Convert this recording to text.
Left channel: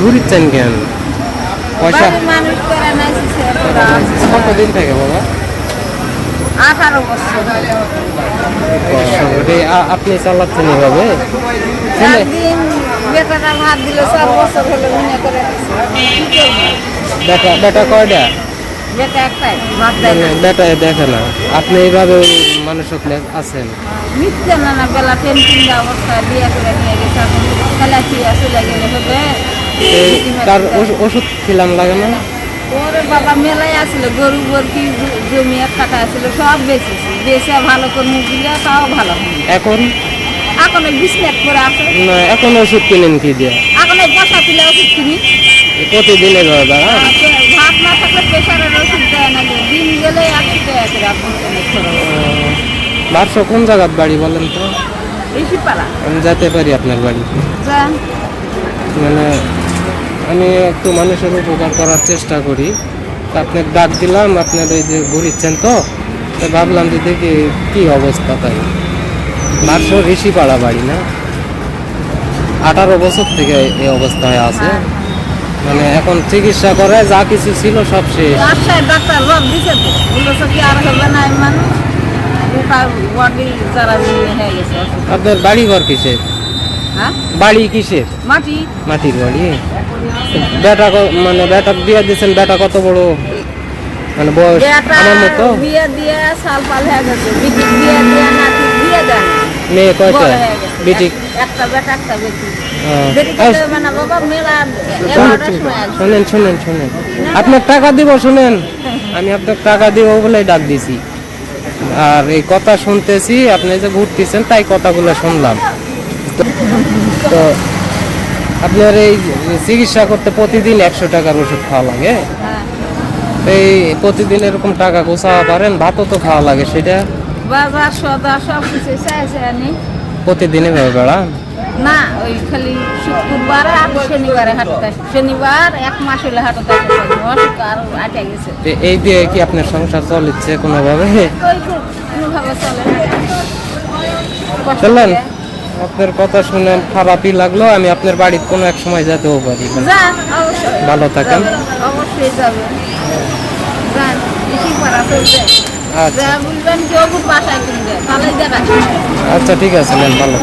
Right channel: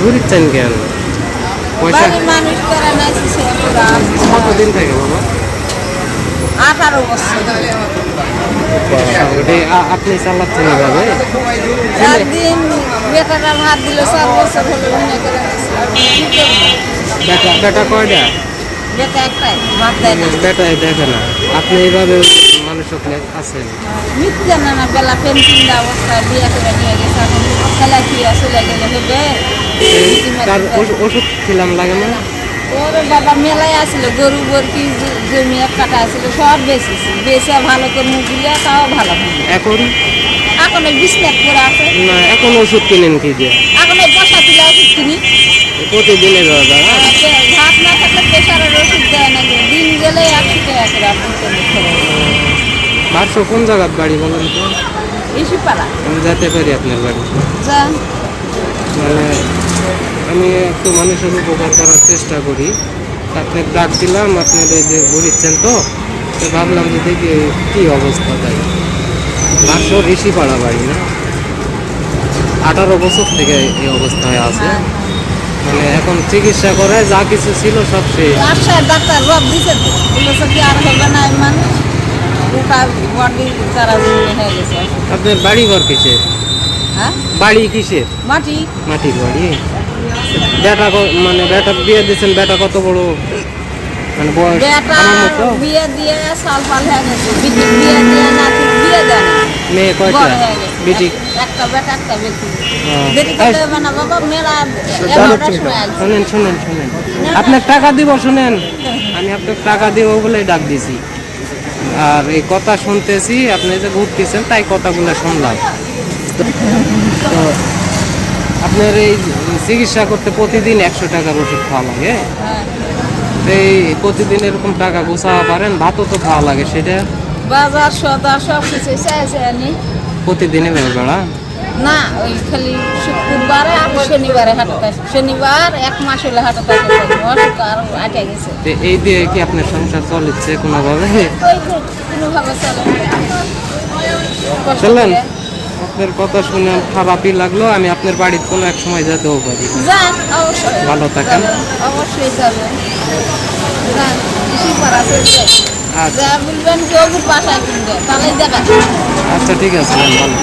ঘুরিচ্ছেন কেন? মানুষ করে কতদিন থেকে বাবা? 18 বছর। আপনি চালাচ্ছেন এভাবে? একদিন বেটাটা ভাত দিল, 4 বছর হলো মনে করে বেটা কয়টা? বেটা একটাই, ভাত দেয় না। বেটা দেখে না। আপনি এইভাবে মানুষ আছেন? মিথ্যা না বেলা পেন্টিং অবস্থায় বিয়ে করে নিয়ে গেছে, এখন খেলা খেয়ে চলে গেলে হবে। ওষুধ খেলাম লাগে না? ওরে বাবা মেলায় আসছিল, গরু বরকি জমি এক কাটা আসছিল, সব বেঁচেছি। বেঁচে ভালো করে মুখ দিলে তাও ভালো হয়। এখন এখন বিছনাত করে আছে। না, এখন ওষুধ কিনেন কি দিয়ে? এখন এই বসা তুলে ওষুধ কিনি। প্রতিদিনে দাদা ভাত না থাকলে প্রেশারের ওষুধ দেয় না, দিন গেলে 100 টাকা করে আপনি বারশো। কোন জায়গার বাড়ি বলেন তো? ঋষিপাড়া। আমি যেতে পারি আপনার বাড়ি? যান। মানে আমি একটু মানুষের উপকার করার চেষ্টা করি। আপনাকে ডাক দিলাম, আপনার এই যে ঘুরিচ্ছেন তো ভাবলাম যে দেখি কি অবস্থা। তাই বারশো ঋষিপাড়া বাড়ি না? 18 বছর থেকে এই অবস্থায় আছে। মানে এখন চিকিৎসা করে যা কিছু ছিল সব শেষ। ডাক্তার রব দিছে তো, বলেছে কি আর হবে না মানুষ, ওটা বডি যারা হয়ে গেছে। আপনার বাড়ি ঘর কিসের? হ্যাঁ, বাড়ি কিসের? মাটি। মাটির বাড়ি। বেটা মানে বেটা বিয়ে দিয়েছেন? বেটা কত বড় মানে বয়স? বেটা বিয়ে দিয়ে সাল পাল হয়ে গেছে, বিটি বিয়ে দিয়ে নাতি বিয়ে দেয় না। মেয়ে কয়টা? বিটি একটা বেটা একটা বেটি। দেরি করতে হবে না বাবা, মেলা 11টার সময় আসবে। শুনেন আপনার টাকা দিব, শুনেন আমি আপনার টাকা দিব বলে ডাক দিছি। আর এই কথা শুনতেছি, আপনি যে ঘুরতেছেন তাই কথাগুলো শুনলাম। তো আপনার এই চিকিৎসা করতে প্রতিদিন 100 টাকার ওষুধ খাওয়া লাগে। এই প্রতিদিন এরকম টাকা গোছাওয়া পারেন? ভাতও তো খাওয়া লাগে, সেটা বাজার সদা সব কিছু চাইছে আনি। প্রতিদিনে বেড়ান না, ওই খালি শুক্রবারে আর শনিবারে হাটতে। শনিবার 1 মাস হলে হাটতে অসুখ আর আটে গেছে। এই দিয়ে কি আপনার সংসার চলছে কোনোভাবে? কোনোভাবে চলে। চলেন, আপনার কথা শুনেন খারাপই লাগলো। আমি আপনার বাড়িতে কোনো এক সময় যেতেও পারি। যান, অবশ্যই ভালো থাকেন। অবশ্যই যাবেন, যান। ঋষিপাড়া চলছে, যা বলবেন কি ওগুর বাসায় কিনবে, তাহলে দেখা। আচ্ছা ঠিক আছে, ভালো।